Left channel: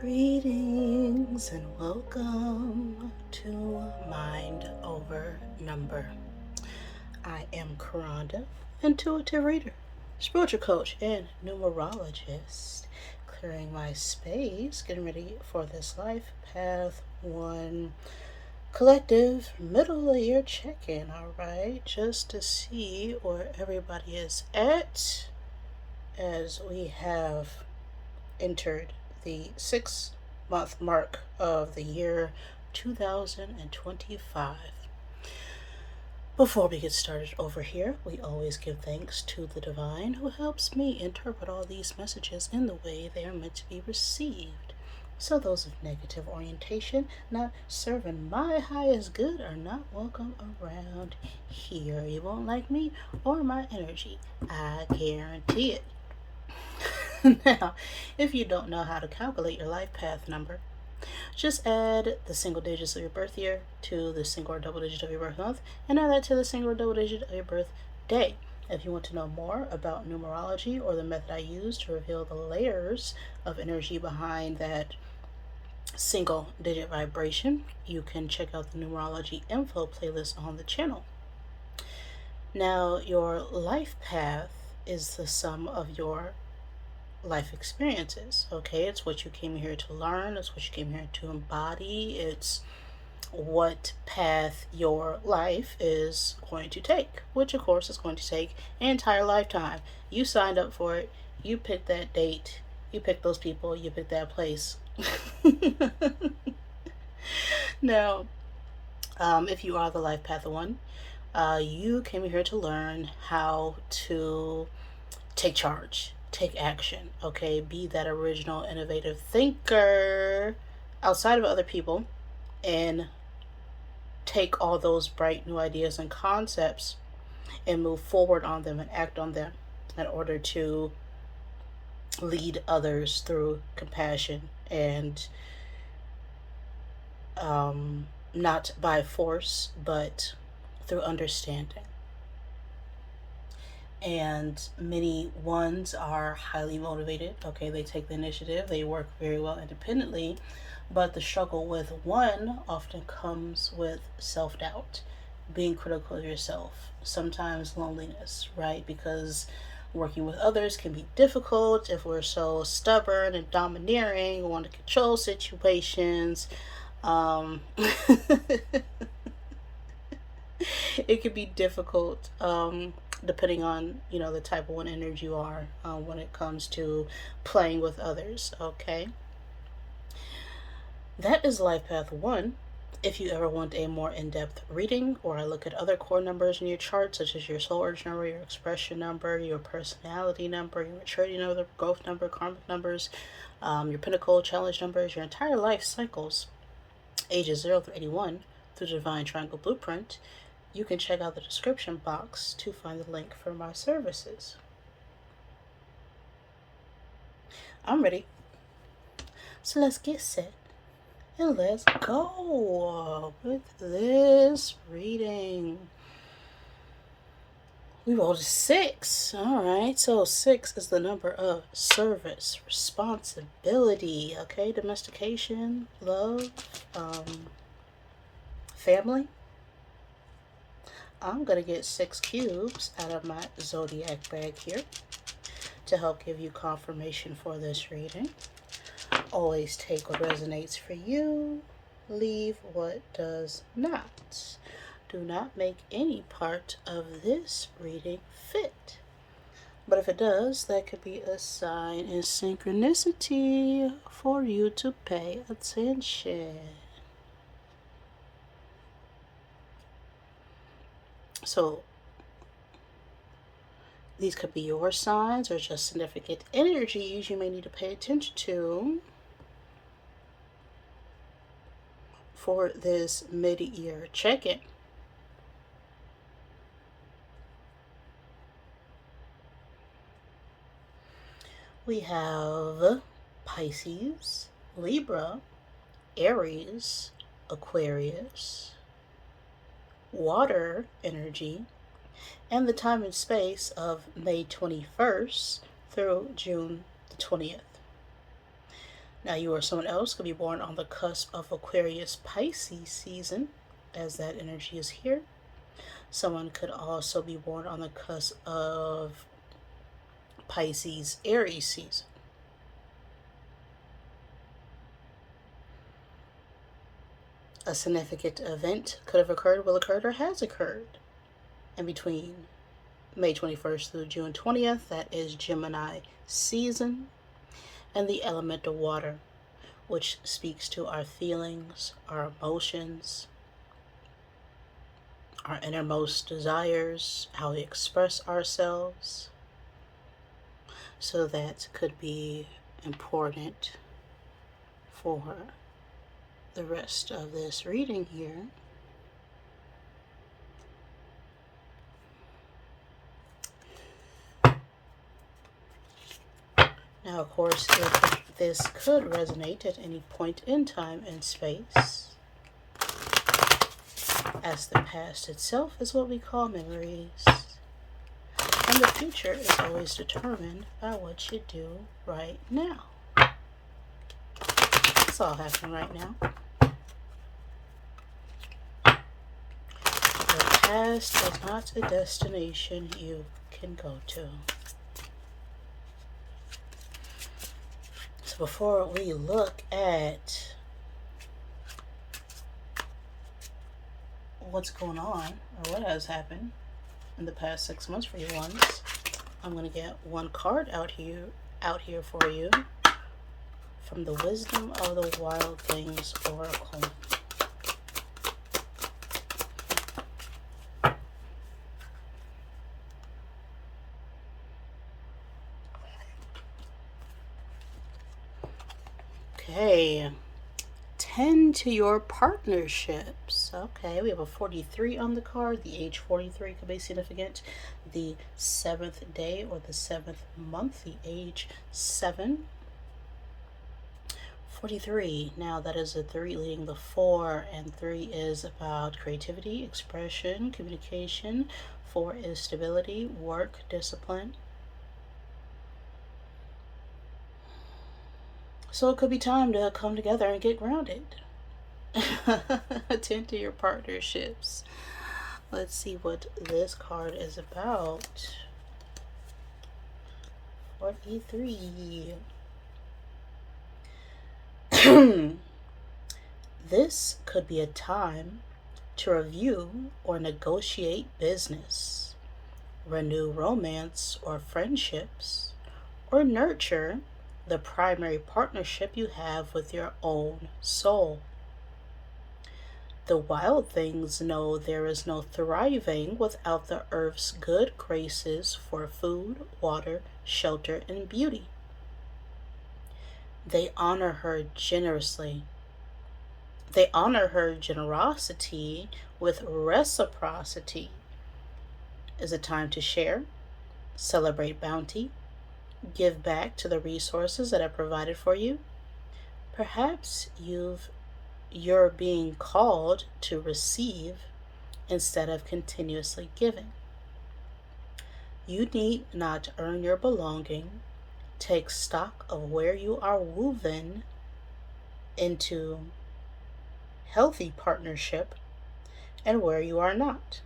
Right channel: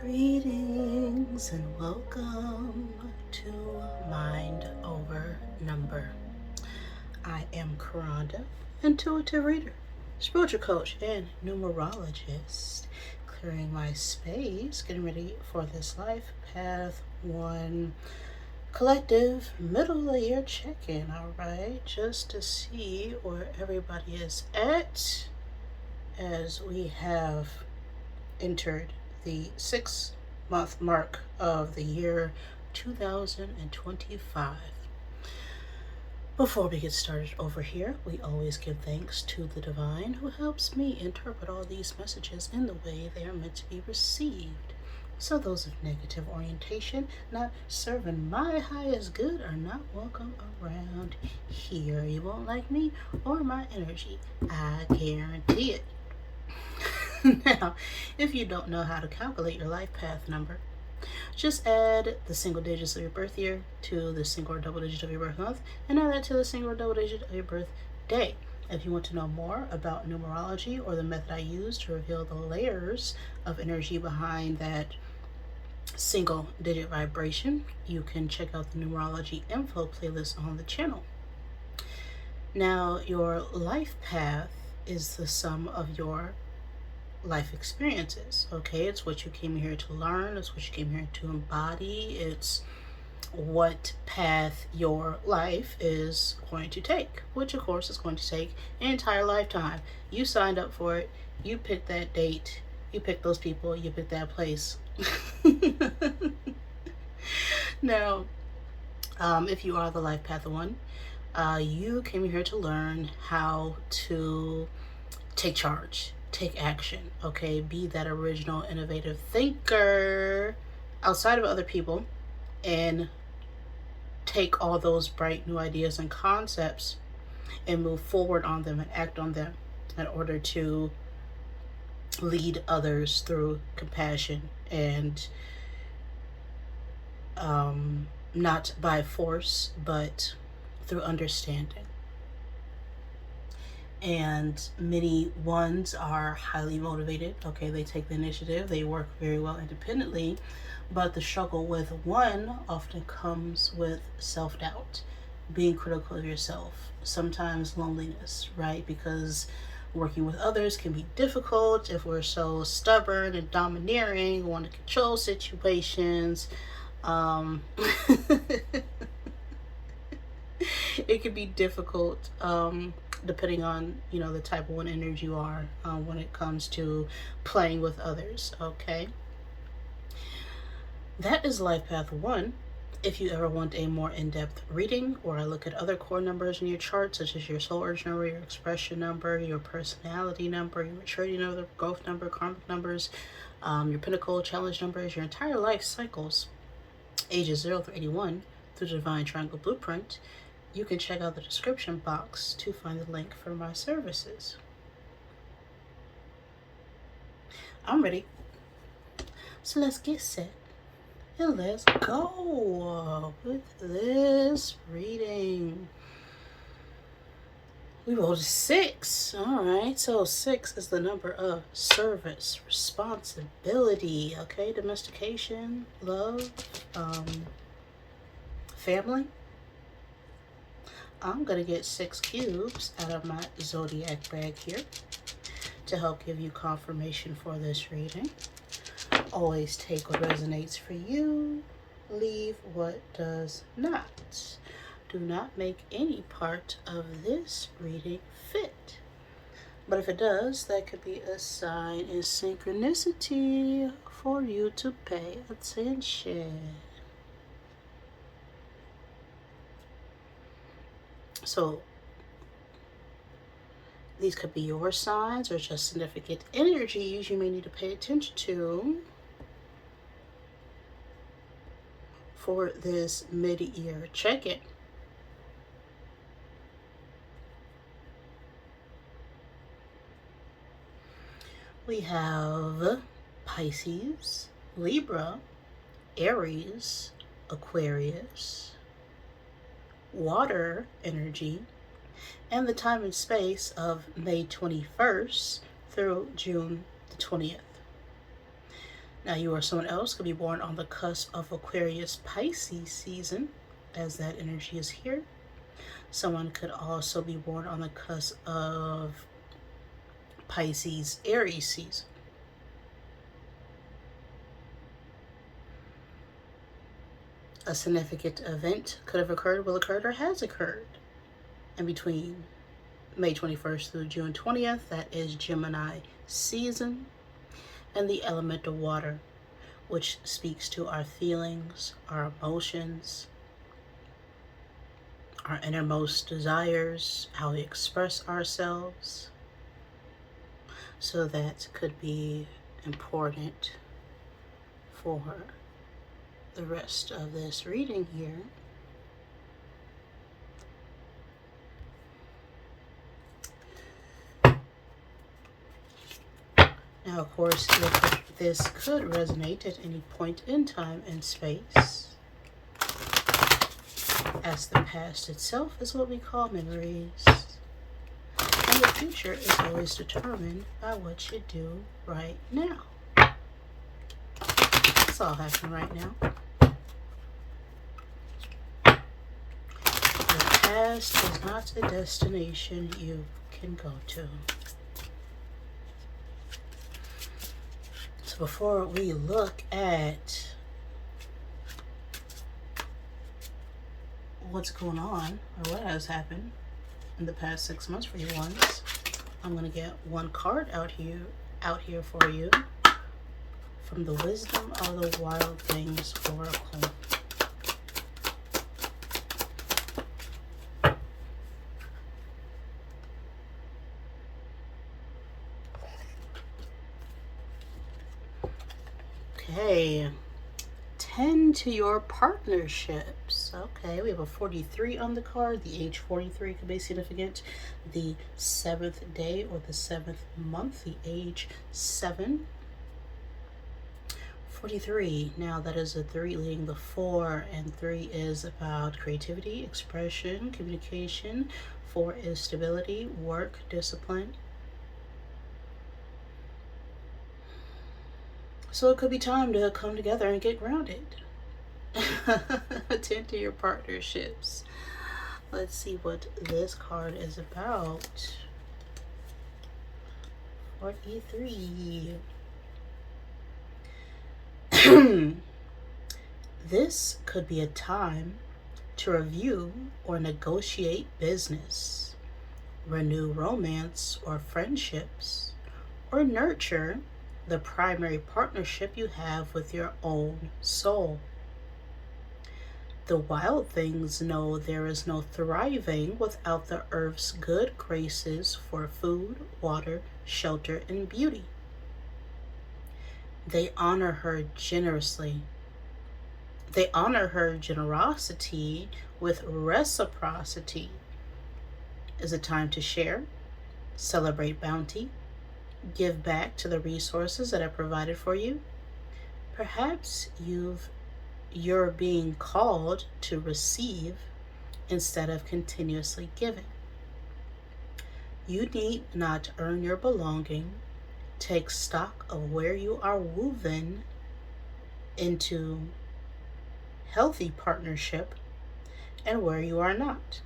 Greetings and welcome to Mind Over Number. I am Karanda, intuitive reader, spiritual coach, and numerologist. Clearing my space, getting ready for this life path one collective middle of the year check-in, alright? Just to see where everybody is at as we have entered the 6 month mark of the year 2025. Before we get started over here, we always give thanks to the divine who helps me interpret all these messages in the way they are meant to be received. So those of negative orientation, not serving my highest good, are not welcome around here. You won't like me or my energy. I guarantee it. Now, if you don't know how to calculate your life path number, just add the single digits of your birth year to the single or double digit of your birth month, and add that to the single or double digit of your birth day. If you want to know more about numerology or the method I use to reveal the layers of energy behind that single digit vibration, you can check out the numerology info playlist on the channel. Now, your life path is the sum of your life experiences. Okay, it's what you came here to learn, it's what you came here to embody, it's what path your life is going to take, which of course is going to take an entire lifetime. You signed up for it, you picked that date, you picked those people, you picked that place. Now, if you are the life path one, you came here to learn how to take charge, take action, okay? Be that original, innovative thinker outside of other people and take all those bright new ideas and concepts and move forward on them and act on them in order to lead others through compassion and not by force, but through understanding. And many ones are highly motivated. Okay, they take the initiative, they work very well independently, but the struggle with one often comes with self-doubt, being critical of yourself, sometimes loneliness, right? Because working with others can be difficult if we're so stubborn and domineering, want to control situations. It can be difficult, depending on the type of one energy you are, when it comes to playing with others. Okay, that is life path one. If you ever want a more in-depth reading, or I look at other core numbers in your chart, such as your soul urge number, your expression number, your personality number, your maturity number, growth number, karmic numbers, your pinnacle challenge numbers, your entire life cycles, ages 0 through 81, through the Divine Triangle Blueprint, you can check out the description box to find the link for my services. I'm ready. So let's get set and let's go with this reading. We rolled a 6. All right, so 6 is the number of service, responsibility, okay, domestication, love, family. I'm going to get 6 cubes out of my zodiac bag here to help give you confirmation for this reading. Always take what resonates for you, leave what does not. Do not make any part of this reading fit. But if it does, that could be a sign and synchronicity for you to pay attention. So these could be your signs or just significant energies you may need to pay attention to for this mid-year check-in. We have Pisces, Libra, Aries, Aquarius, water energy, and the time and space of May 21st through June the 20th. Now, you or someone else could be born on the cusp of Aquarius Pisces season, as that energy is here. Someone could also be born on the cusp of Pisces Aries season. A significant event could have occurred, will occur, or has occurred in between May 21st through June 20th. That is Gemini season. And the element of water, which speaks to our feelings, our emotions, our innermost desires, how we express ourselves. So that could be important for the rest of this reading here. Now, of course, this could resonate at any point in time and space, as the past itself is what we call memories, and the future is always determined by what you do right now. It's all happening right now. The past is not a destination you can go to. So before we look at what's going on or what has happened in the past 6 months for you ones, I'm going to get one card out here for you from the Wisdom of the Wild Things Oracle. Okay, tend to your partnerships. Okay, we have a 43 on the card. The age 43 could be significant. The 7th day or the 7th month, the age 7. 43. Now that is a 3 leading the 4, and 3 is about creativity, expression, communication. 4 is stability, work, discipline. So it could be time to come together and get grounded. Attend to your partnerships. Let's see what this card is about. 43. This could be a time to review or negotiate business, renew romance or friendships, or nurture the primary partnership you have with your own soul. The wild things know there is no thriving without the earth's good graces for food, water, shelter, and beauty. They honor her generously. They honor her generosity with reciprocity. Is a time to share, celebrate bounty, give back to the resources that are provided for you. Perhaps you're being called to receive instead of continuously giving. You need not earn your belonging. Take stock of where you are woven into healthy partnership and where you are not.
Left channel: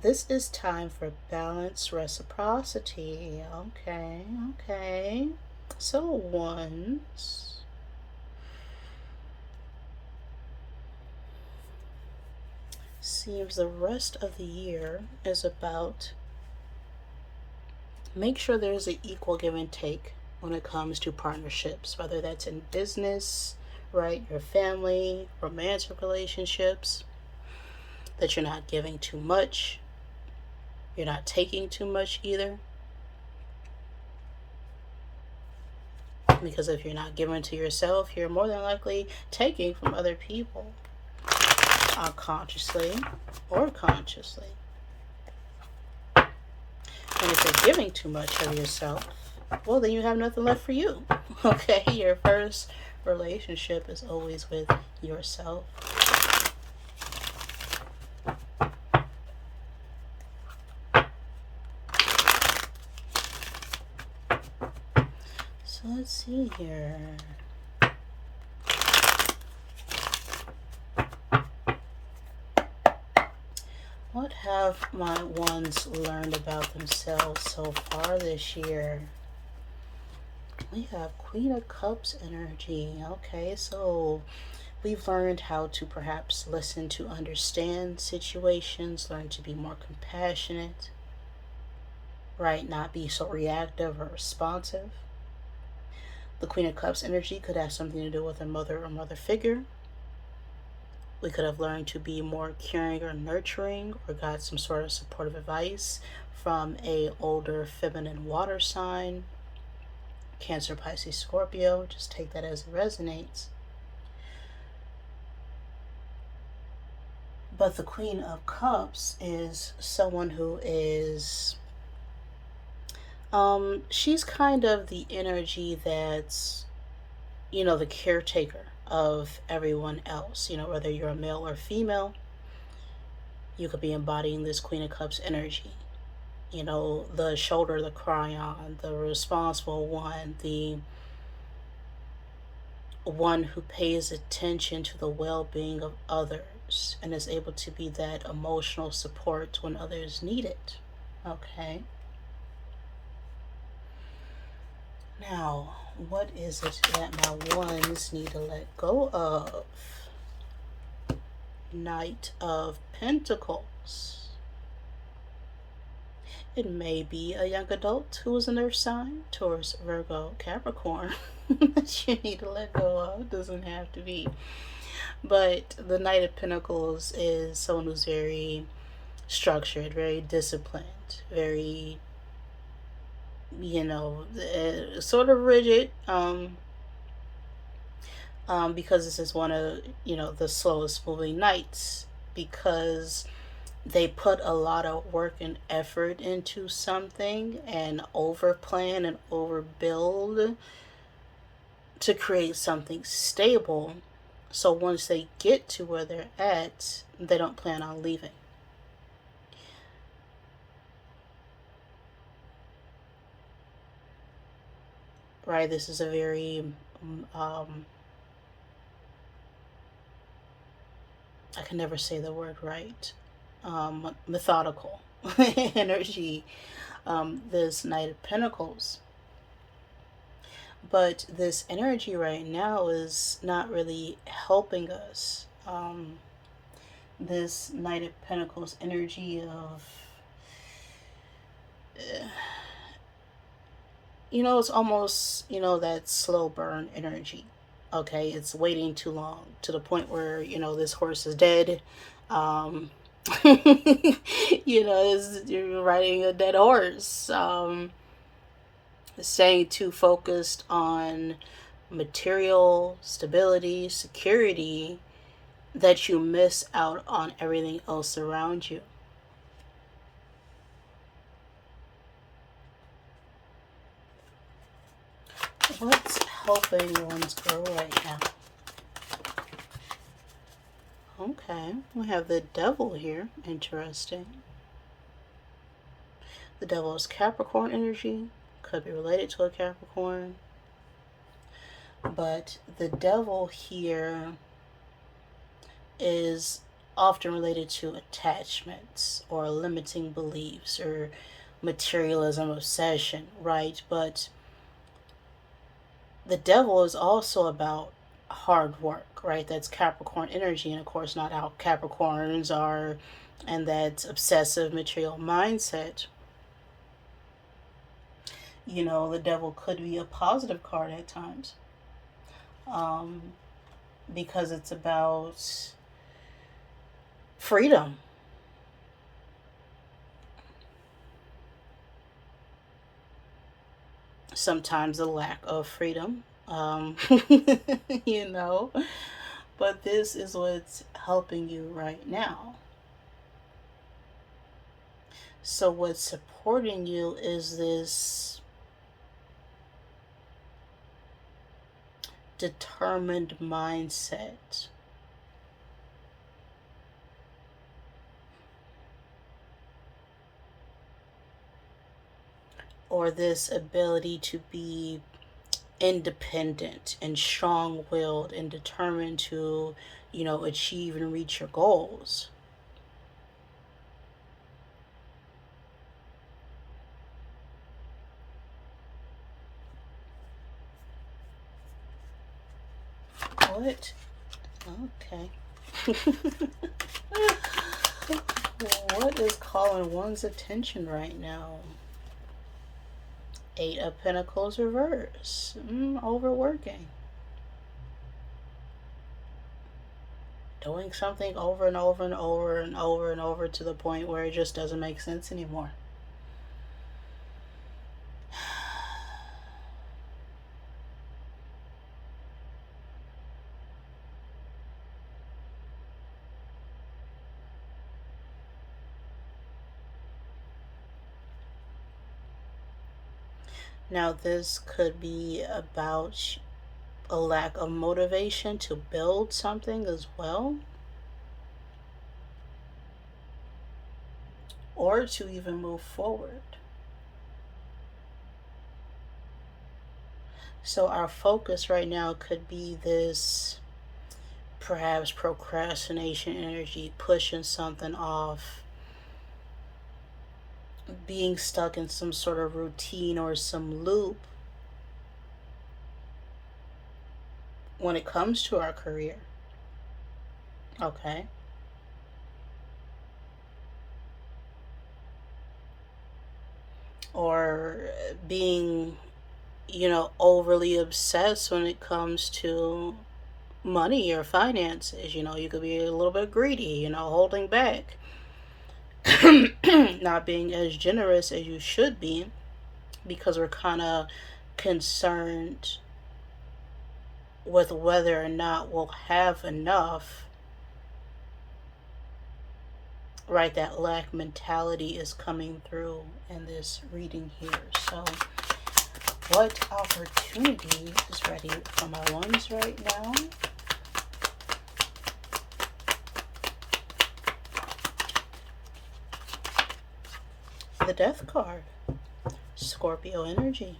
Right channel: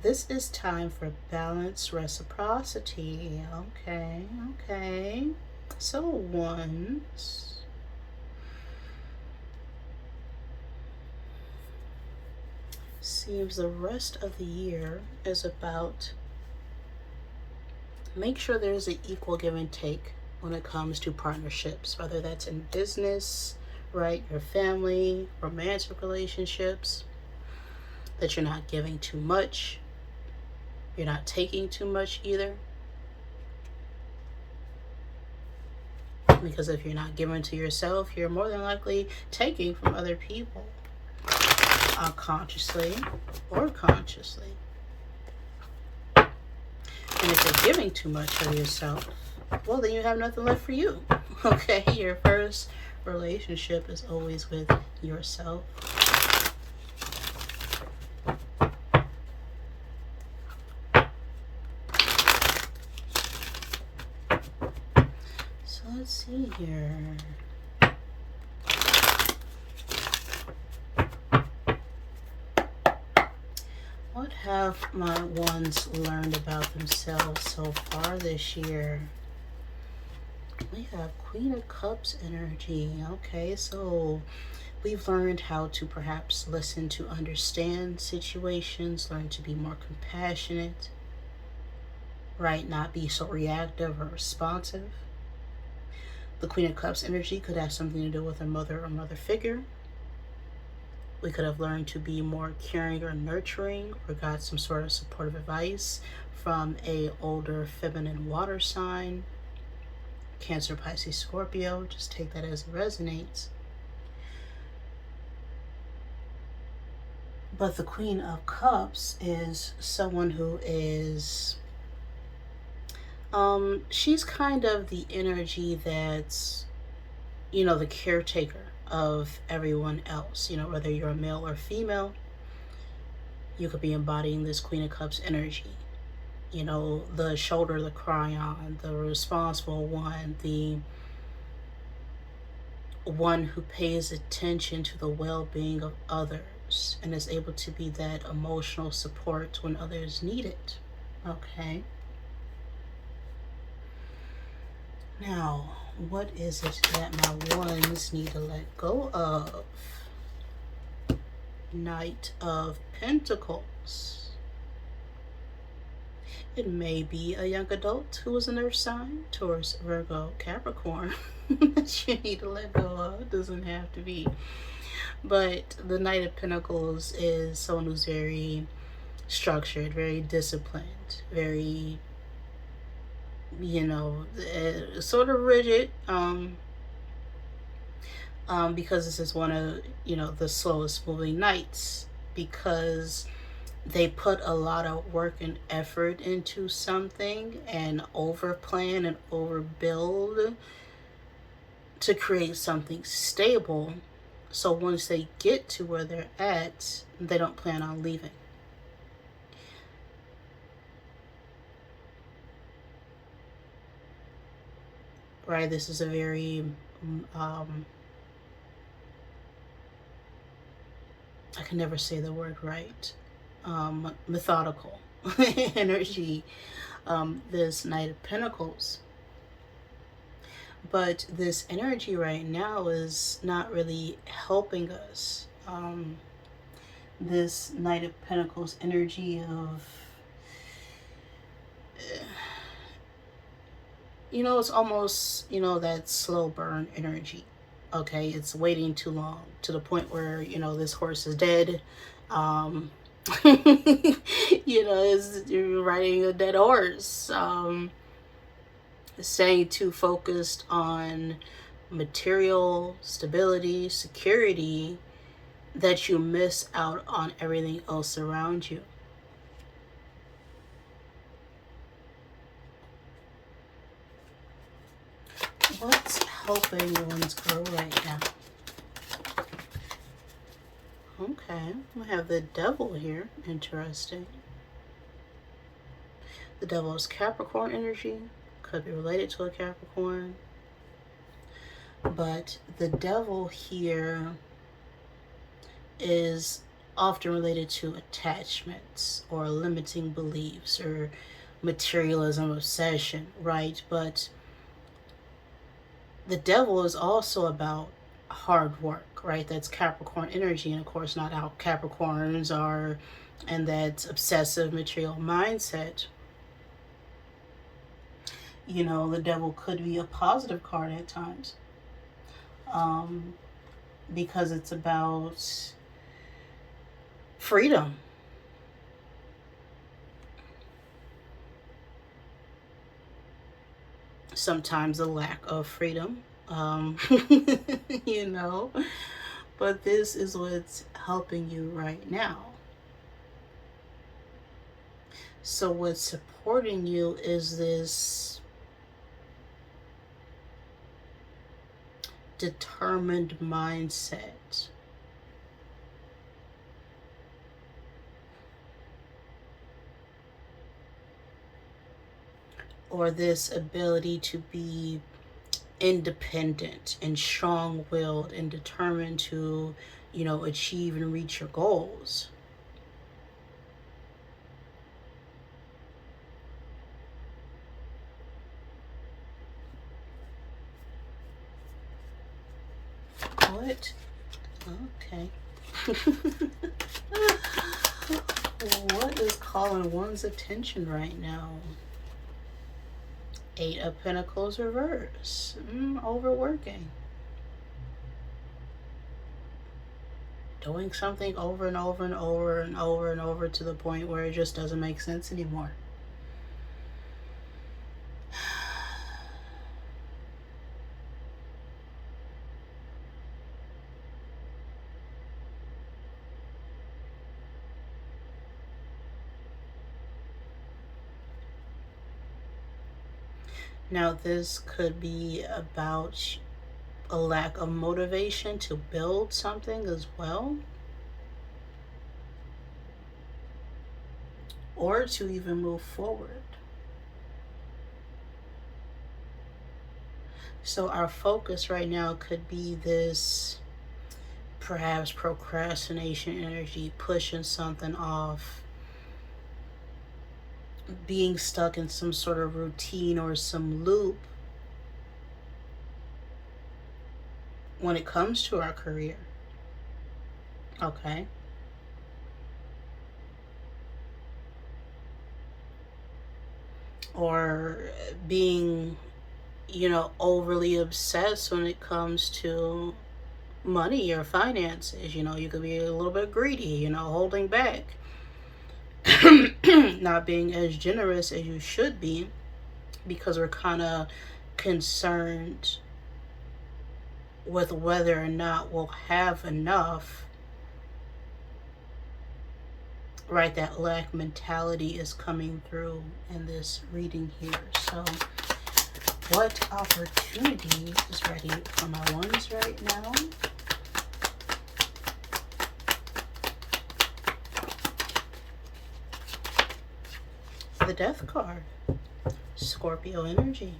This is time for balanced reciprocity. Okay. So ones. Seems the rest of the year is about make sure there's an equal give and take when it comes to partnerships, whether that's in business, right, your family, romantic relationships, that you're not giving too much, you're not taking too much either. Because if you're not giving to yourself, you're more than likely taking from other people, unconsciously or consciously. And if you're giving too much of yourself, well, then you have nothing left for you. Okay, your first relationship is always with yourself. So let's see here. have my ones learned about themselves so far this year? We have Queen of Cups energy. Okay, so we've learned how to perhaps listen to understand situations, learn to be more compassionate, right? Not be so reactive or responsive. The Queen of Cups energy could have something to do with a mother or mother figure. We could have learned to be more caring or nurturing, or got some sort of supportive advice from a older feminine water sign. Cancer, Pisces, Scorpio. Just take that as it resonates. But the Queen of Cups is someone who is she's kind of the energy that's, the caretaker of everyone else. Whether you're a male or female, you could be embodying this Queen of Cups energy. The shoulder to cry on, the responsible one, the one who pays attention to the well-being of others and is able to be that emotional support when others need it. Okay. Now, what is it that my ones need to let go of? Knight of Pentacles. It may be a young adult who is an earth sign, Taurus, Virgo, Capricorn, that you need to let go of. It doesn't have to be. But the Knight of Pentacles is someone who's very structured, very disciplined, very, sort of rigid, because this is one of, the slowest moving knights, because they put a lot of work and effort into something and overplan and overbuild to create something stable. So once they get to where they're at, they don't plan on leaving. Right? This is a very, I can never say the word right, methodical energy, this Knight of Pentacles. But this energy right now is not really helping us. This Knight of Pentacles energy of, it's almost, that slow burn energy. Okay, it's waiting too long to the point where, this horse is dead. You're riding a dead horse. Staying too focused on material stability, security, that you miss out on everything else around you. What's helping one's grow right now? Okay, we have the Devil here. Interesting. The Devil is Capricorn energy. Could be related to a Capricorn. But the Devil here is often related to attachments or limiting beliefs or materialism, obsession, right? But the Devil is also about hard work, right? That's Capricorn energy, and of course not how Capricorns are, and that obsessive material mindset. The Devil could be a positive card at times, because it's about freedom. Sometimes a lack of freedom, but this is what's helping you right now. So what's supporting you is this determined mindset. Or this ability to be independent and strong-willed and determined to, achieve and reach your goals. What? Okay. What is calling one's attention right now? Eight of Pentacles reverse. Overworking. Doing something over and over and over and over and over to the point where it just doesn't make sense anymore. Now, this could be about a lack of motivation to build something as well, or to even move forward. So our focus right now could be this perhaps procrastination energy, pushing something off, being stuck in some sort of routine or some loop when it comes to our career. Okay. Or being, overly obsessed when it comes to money or finances. You could be a little bit greedy, holding back, not being as generous as you should be because we're kind of concerned with whether or not we'll have enough. Right, that lack mentality is coming through in this reading here. So what opportunity is ready for my ones right now? The Death card. Scorpio energy.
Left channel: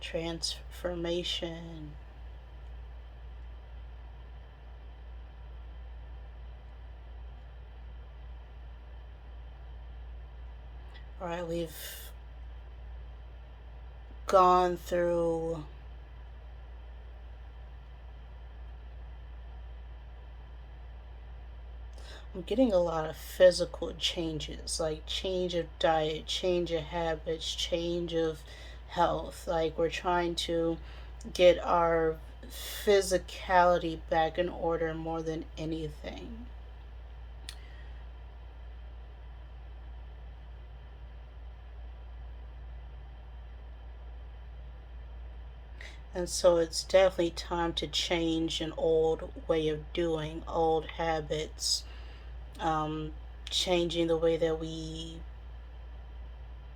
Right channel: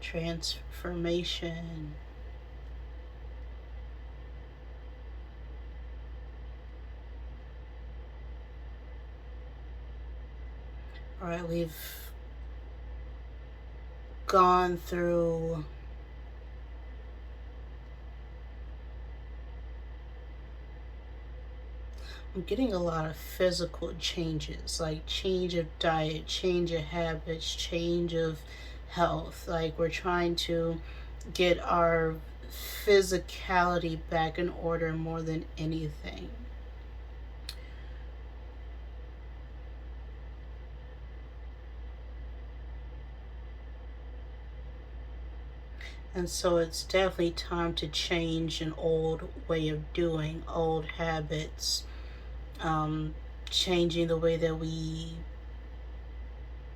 Transformation. All right, we've gone through I'm getting a lot of physical changes, like change of diet, change of habits, change of health. Like we're trying to get our physicality back in order more than anything. And so it's definitely time to change an old way of doing, old habits, changing the way that we,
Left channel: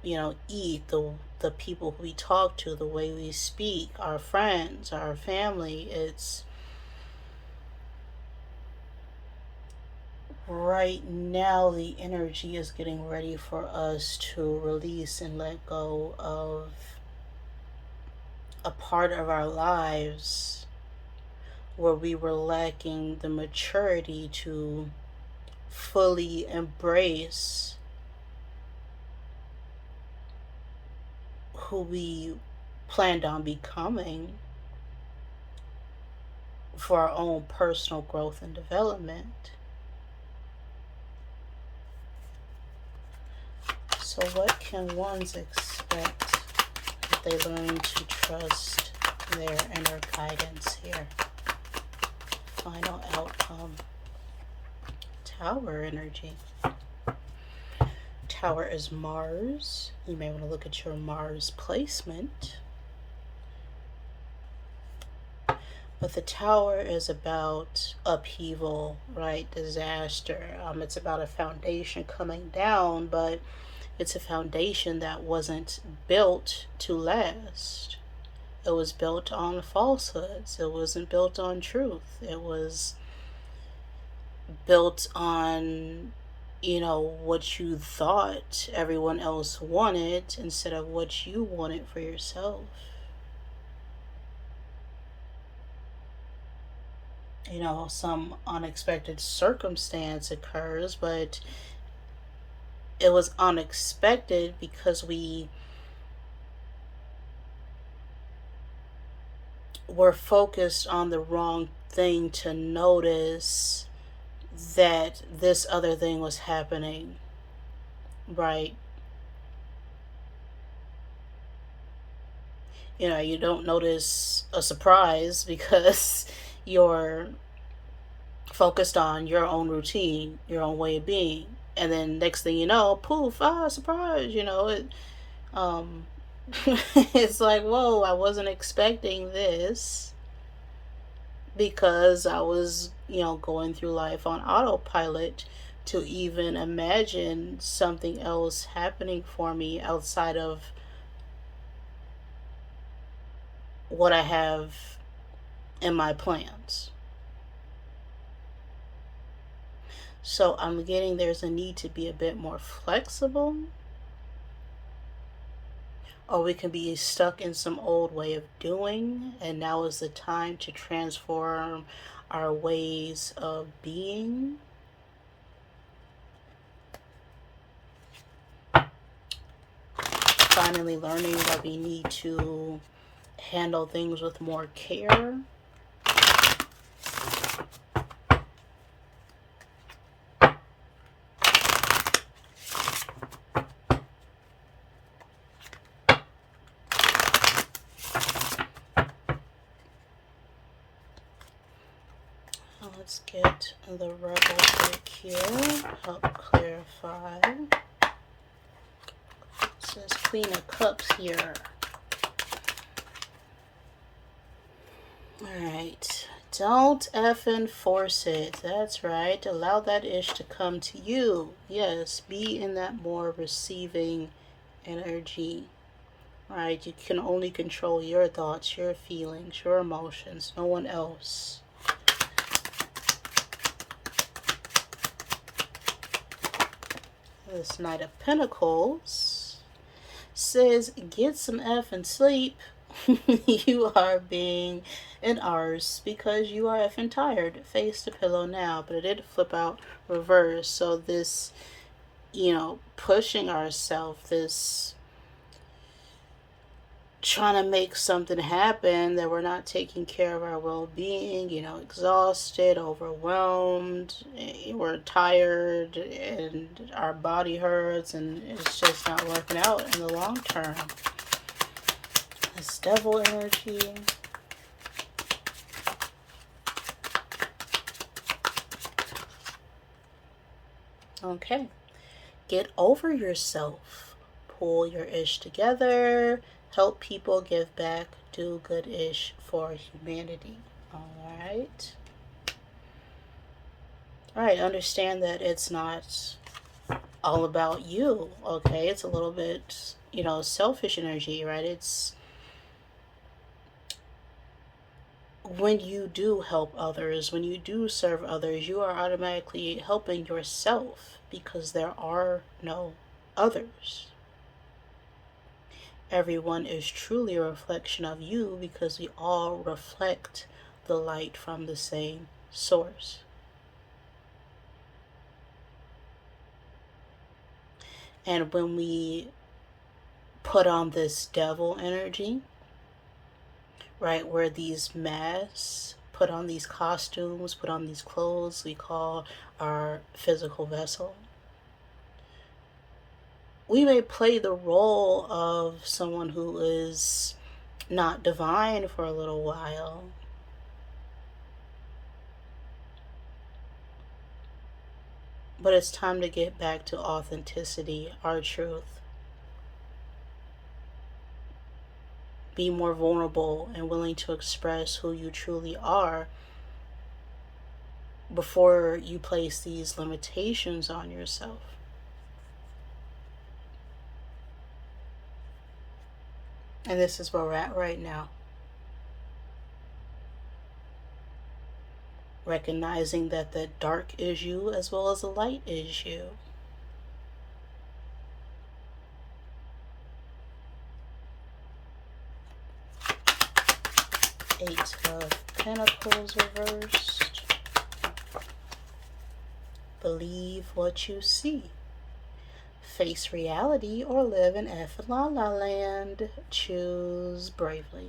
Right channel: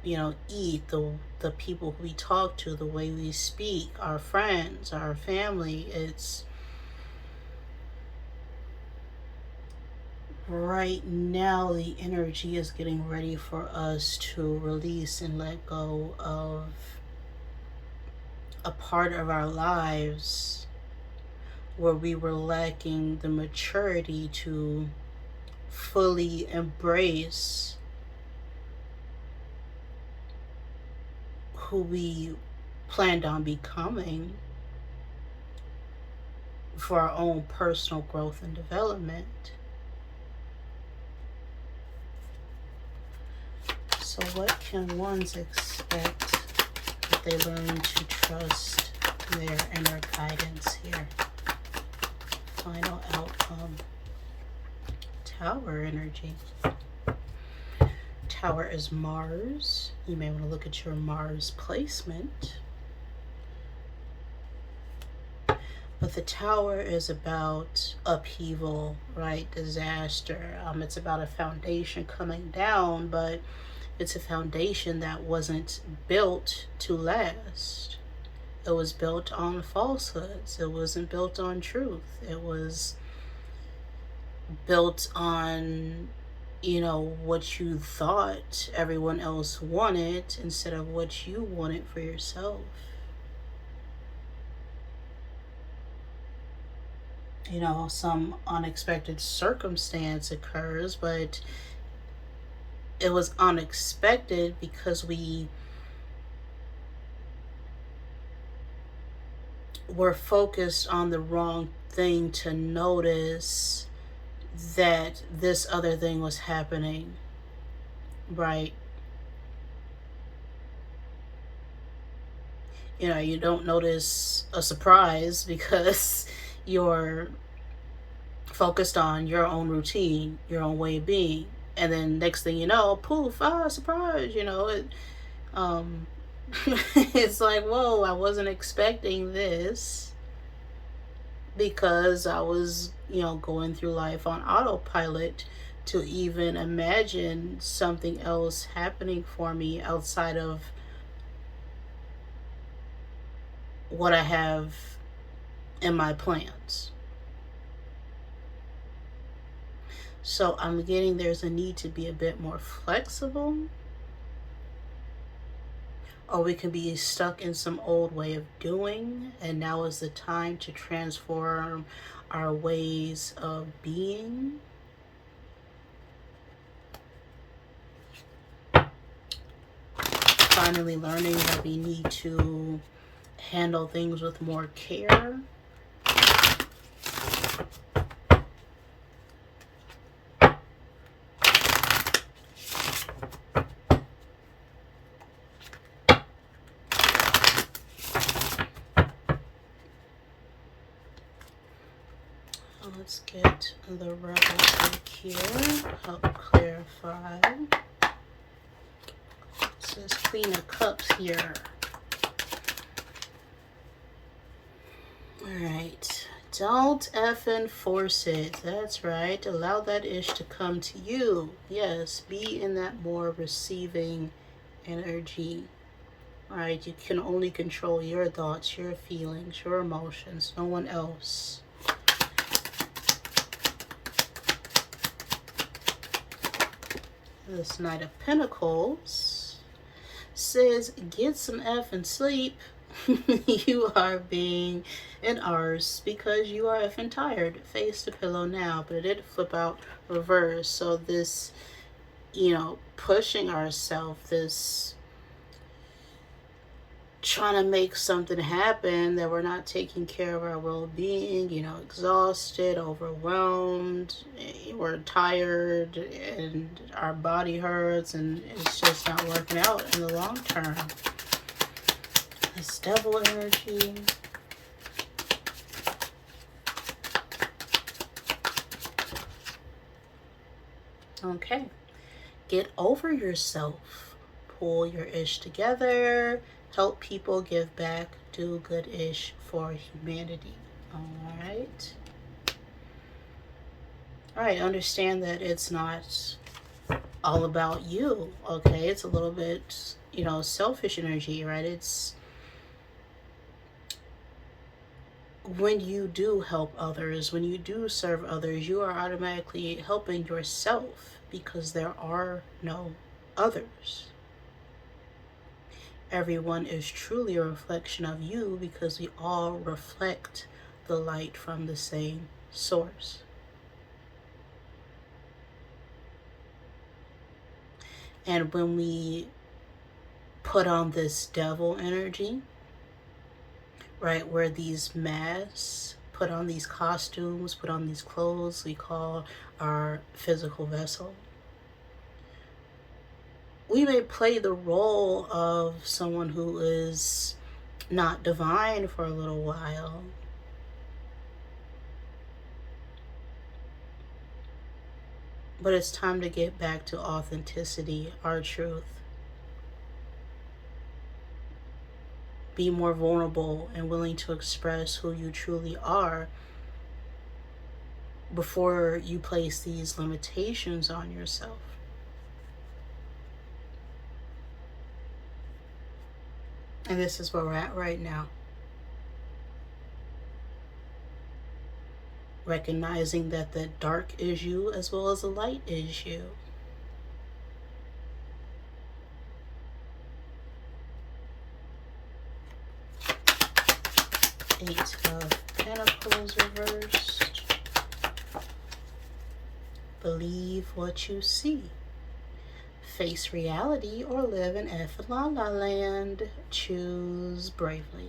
eat, the people we talk to, the way we speak, our friends, our family. It's right now the energy is getting ready for us to release and let go of a part of our lives where we were lacking the maturity to fully embrace who we planned on becoming for our own personal growth and development. So what can ones expect if they learn to trust their inner guidance here? Final outcome. Tower energy. Tower is Mars. You may want to look at your Mars placement. But the Tower is about upheaval, right? Disaster. It's about a foundation coming down, but it's a foundation that wasn't built to last. It was built on falsehoods. It wasn't built on truth. It was built on, what you thought everyone else wanted instead of what you wanted for yourself. Some unexpected circumstance occurs, but it was unexpected because we were focused on the wrong thing to notice that this other thing was happening, right? You know, you don't notice a surprise because you're focused on your own routine, your own way of being. And then next thing you know, poof, ah, surprise, you know, um, it's like, whoa, I wasn't expecting this because I was, you know, going through life on autopilot to even imagine something else happening for me outside of what I have in my plans. So I'm getting there's a need to be a bit more flexible, or we can be stuck in some old way of doing, and now is the time to transform our ways of being. Finally learning that we need to handle things with more care. Let's get the rebel deck here, help clarify. It says Queen of Cups here. Alright, don't effing force it. That's right. Allow that ish to come to you. Yes, be in that more receiving energy. Alright, you can only control your thoughts, your feelings, your emotions, no one else. This Knight of Pentacles says, get some effing sleep. You are being an arse because you are effing tired. Face the pillow now. But it did flip out reverse. So this, you know, pushing ourselves, this trying to make something happen, that we're not taking care of our well-being, you know, exhausted, overwhelmed, we're tired, and our body hurts, and it's just not working out in the long term. This devil energy. Okay. Get over yourself. Pull your ish together. Help people, give back, do good ish for humanity. Alright. Alright, understand that it's not all about you, okay? It's a little bit, you know, selfish energy, right? It's when you do help others, when you do serve others, you are automatically helping yourself because there are no others. Everyone is truly a reflection of you because we all reflect the light from the same source. And when we put on this devil energy, right, where these masks, put on these costumes, put on these clothes we call our physical vessel, we may play the role of someone who is not divine for a little while. But it's time to get back to authenticity, our truth. Be more vulnerable and willing to express who you truly are before you place these limitations on yourself. And this is where we're at right now. Recognizing that the dark is you as well as the light is you. Eight of Pentacles reversed. Believe what you see. Face reality or live in F La La Land. Choose bravely.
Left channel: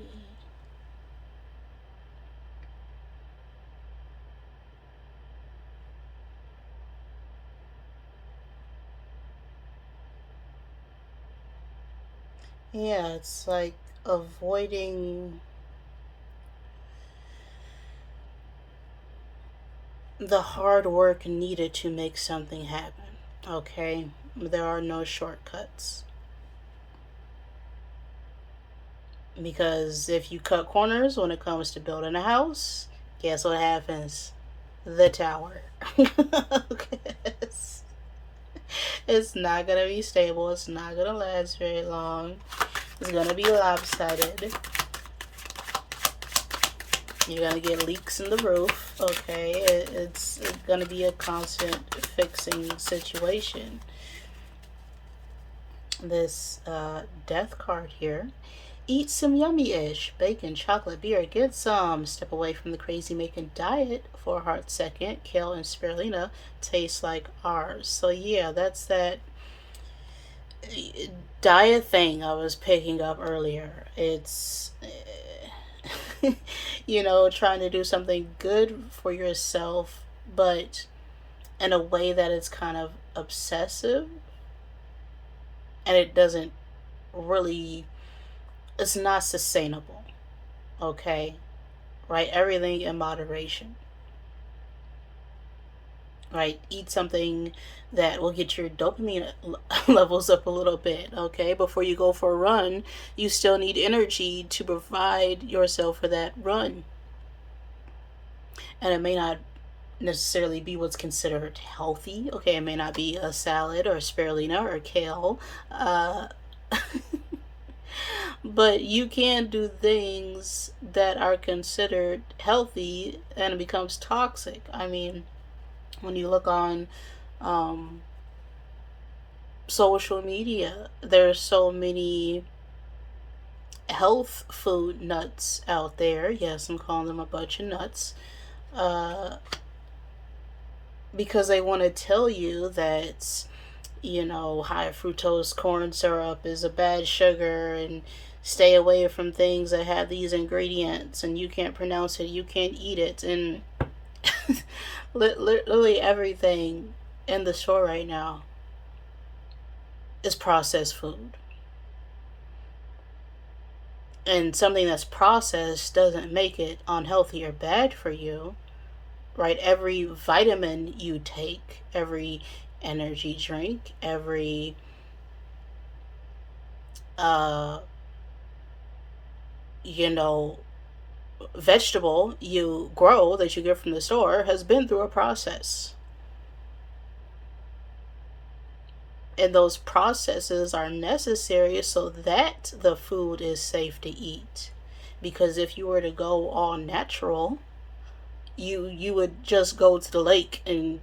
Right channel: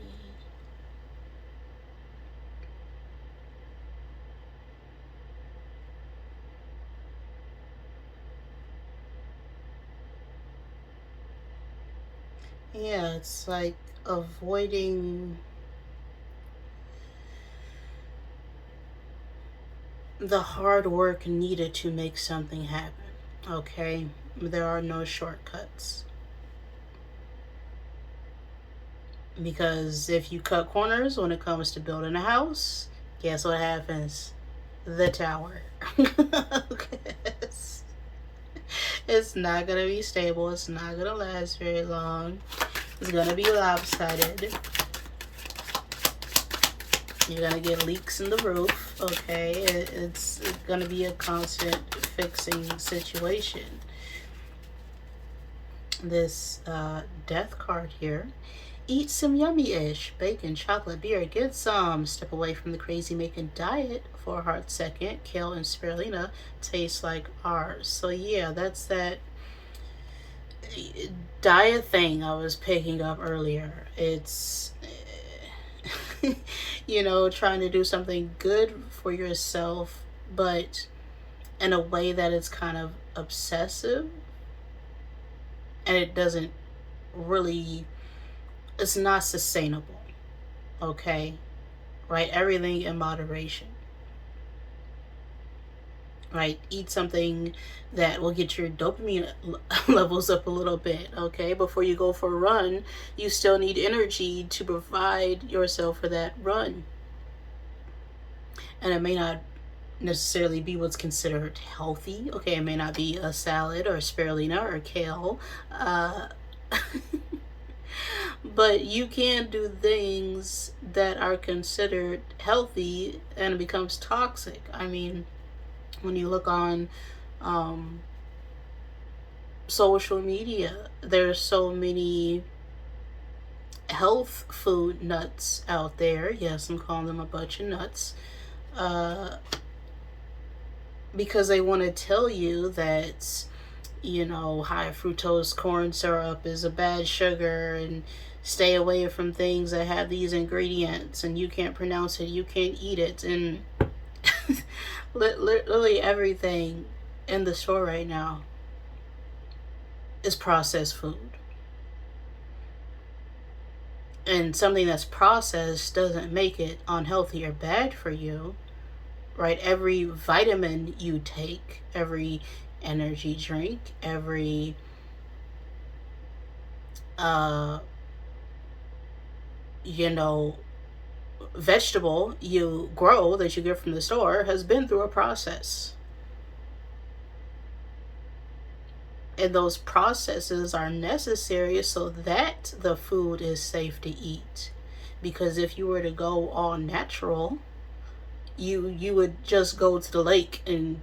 Yeah, it's like avoiding the hard work needed to make something happen. Okay? There are no shortcuts. Because if you cut corners when it comes to building a house, guess what happens? The tower. It's not gonna be stable. It's not gonna last very long. It's gonna be lopsided. You're gonna get leaks in the roof. Okay, it's gonna be a constant fixing situation. This death card here. Eat some yummy-ish bacon, chocolate, beer. Get some. Step away from the crazy-making diet for a hot second. Kale and spirulina taste like ours. So yeah, that's that diet thing I was picking up earlier. It's trying to do something good for yourself, but in a way that it's kind of obsessive, and it doesn't really, it's not sustainable. Okay, right? Everything in moderation. Right? Eat something that will get your dopamine levels up a little bit. Okay, before you go for a run, you still need energy to provide yourself for that run, and it may not necessarily be what's considered healthy. Okay, it may not be a salad or spirulina or kale. Uh, but you can do things that are considered healthy and it becomes toxic. I mean, when you look on um, social media, there's so many health food nuts out there. Yes, I'm calling them a bunch of nuts. Uh, because they want to tell you that, high fructose corn syrup is a bad sugar, and stay away from things that have these ingredients, and you can't pronounce it, you can't eat it, and literally everything in the store right now is processed food. And something that's processed doesn't make it unhealthy or bad for you, right? Every vitamin you take, every energy drink, every uh, you know, vegetable you grow that you get from the store has been through a process. And those processes are necessary so that the food is safe to eat. Because if you were to go all natural, you would just go to the lake and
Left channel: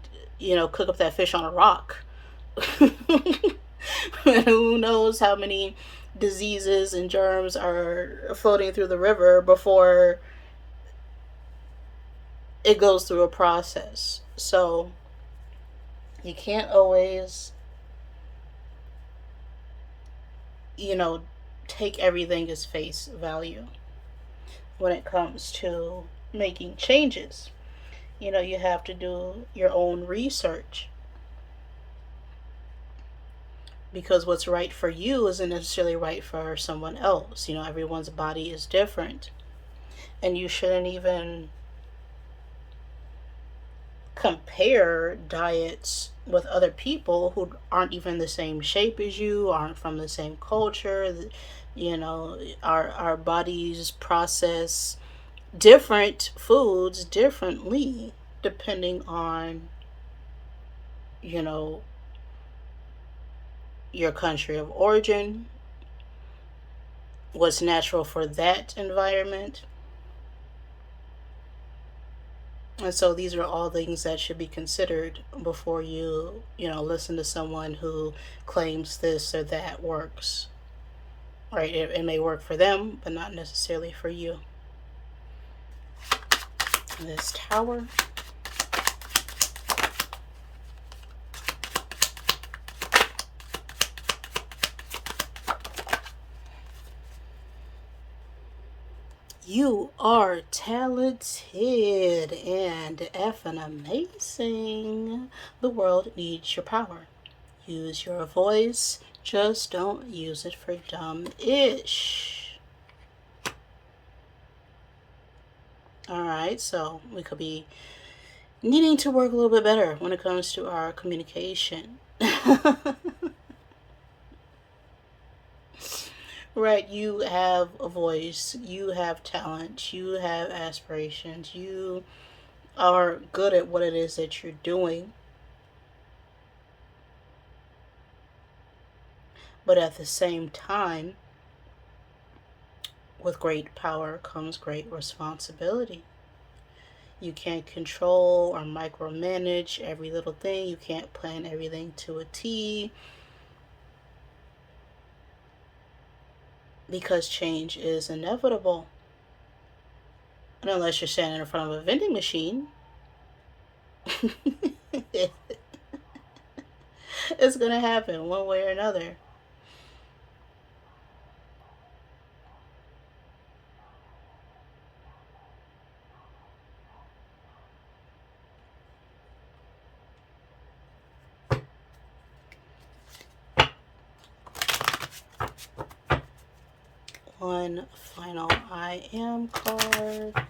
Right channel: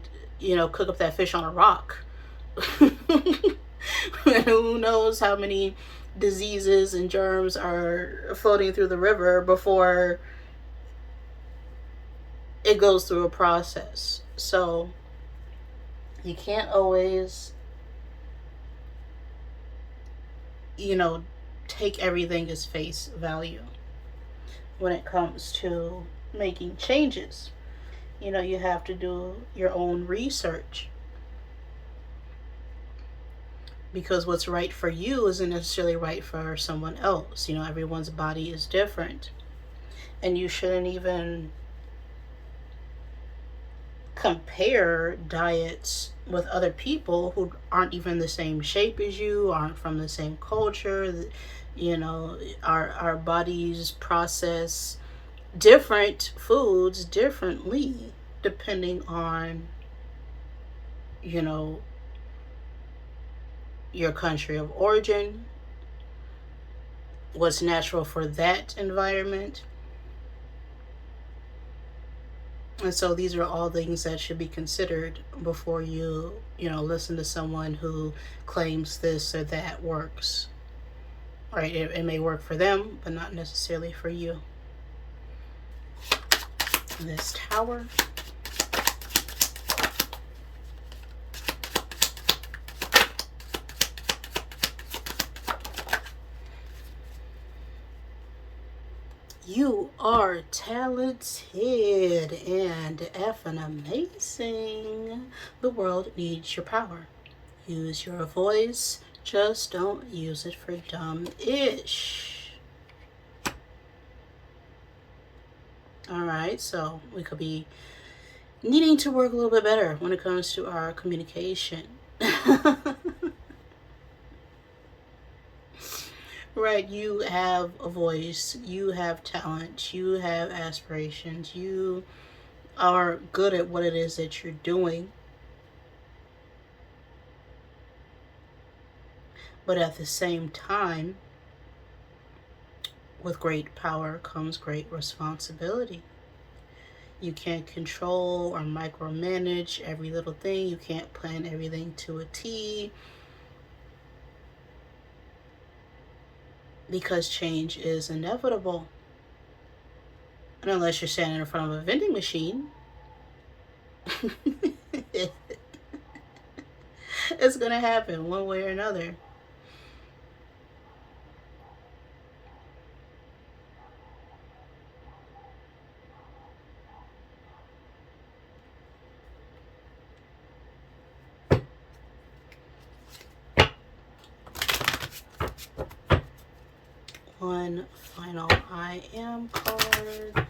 cook up that fish on a rock. Who knows how many diseases and germs are floating through the river before it goes through a process. So you can't always, you know, take everything as face value when it comes to making changes. You have to do your own research, because what's right for you isn't necessarily right for someone else. Everyone's body is different, and you shouldn't even compare diets with other people who aren't even the same shape as you, aren't from the same culture. Our bodies process different foods differently depending on you know your country of origin, what's natural for that environment. And so these are all things that should be considered before listen to someone who claims this or that works. Right? It may work for them, but not necessarily for you. This tower. You are talented and effing amazing. The world needs your power. Use your voice, Just don't use it for dumb-ish. Alright, so we could be needing to work a little bit better when it comes to our communication. Right, you have a voice, you have talent, you have aspirations, you are good at what it is that you're doing. But at the same time, with great power comes great responsibility. You can't control or micromanage every little thing. You can't plan everything to a T, because change is inevitable. And unless you're standing in front of a vending machine, it's going to happen one way or another. One final I am card.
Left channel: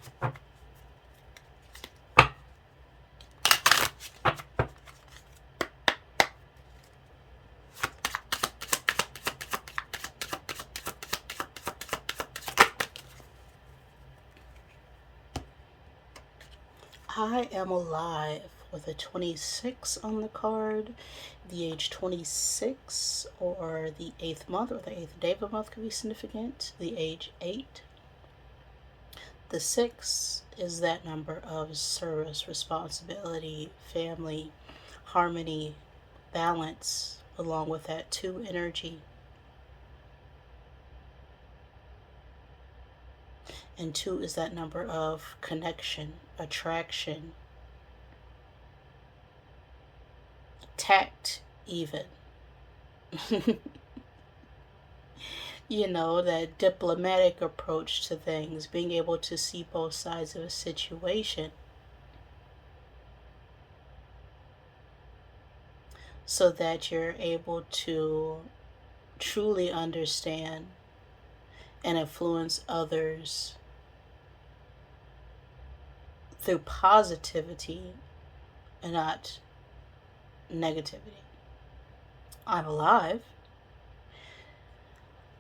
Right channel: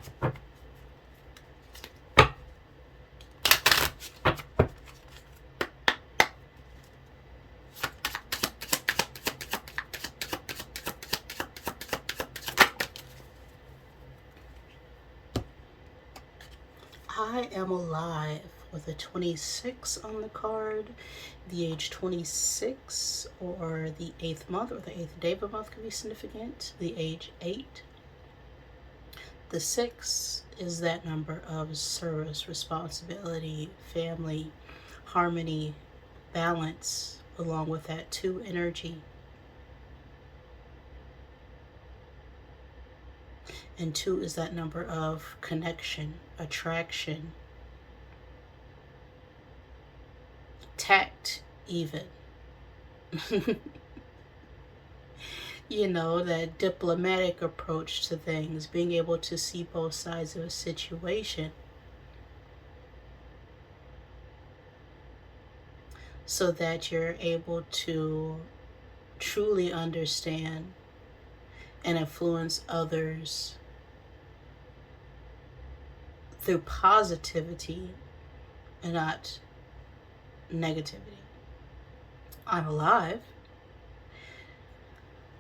I am alive with a 26 on the card. The age 26 or the 8th month or the 8th day of a month could be significant. The age 8. The 6 is that number of service, responsibility, family, harmony, balance, along with that 2 energy. And 2 is that number of connection, attraction, tact, even. You know, that diplomatic approach to things, being able to see both sides of a situation so that you're able to truly understand and influence others through positivity and not negativity. I'm alive.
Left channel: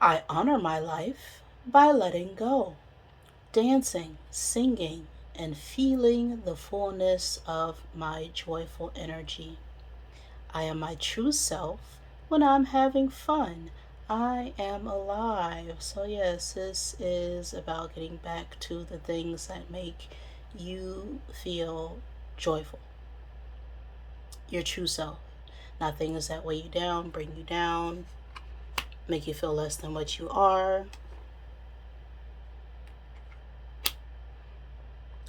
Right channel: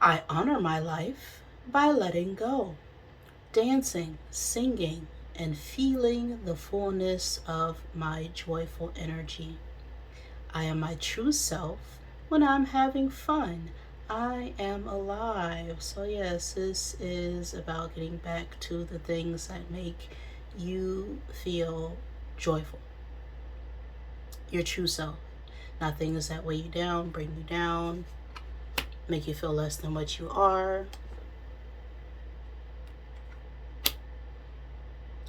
I honor my life by letting go, dancing, singing, and feeling the fullness of my joyful energy. I am my true self when I'm having fun. I am alive. So yes, this is about getting back to the things that make you feel joyful. Your true self. Not things that weigh you down, bring you down, make you feel less than what you are.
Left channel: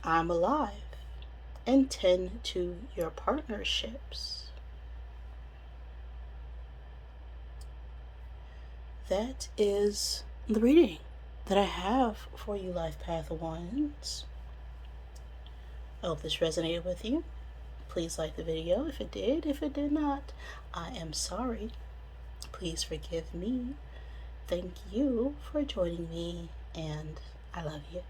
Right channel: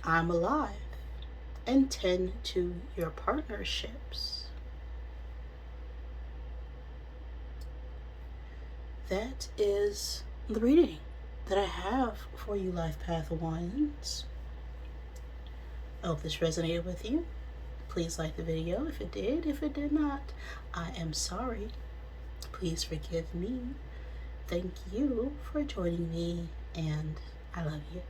I'm alive. And tend to your partnerships. That is the reading that I have for you, Life Path Ones. I hope this resonated with you. Please like the video if it did. If it did not, I am sorry. Please forgive me. Thank you for joining me, and I love you.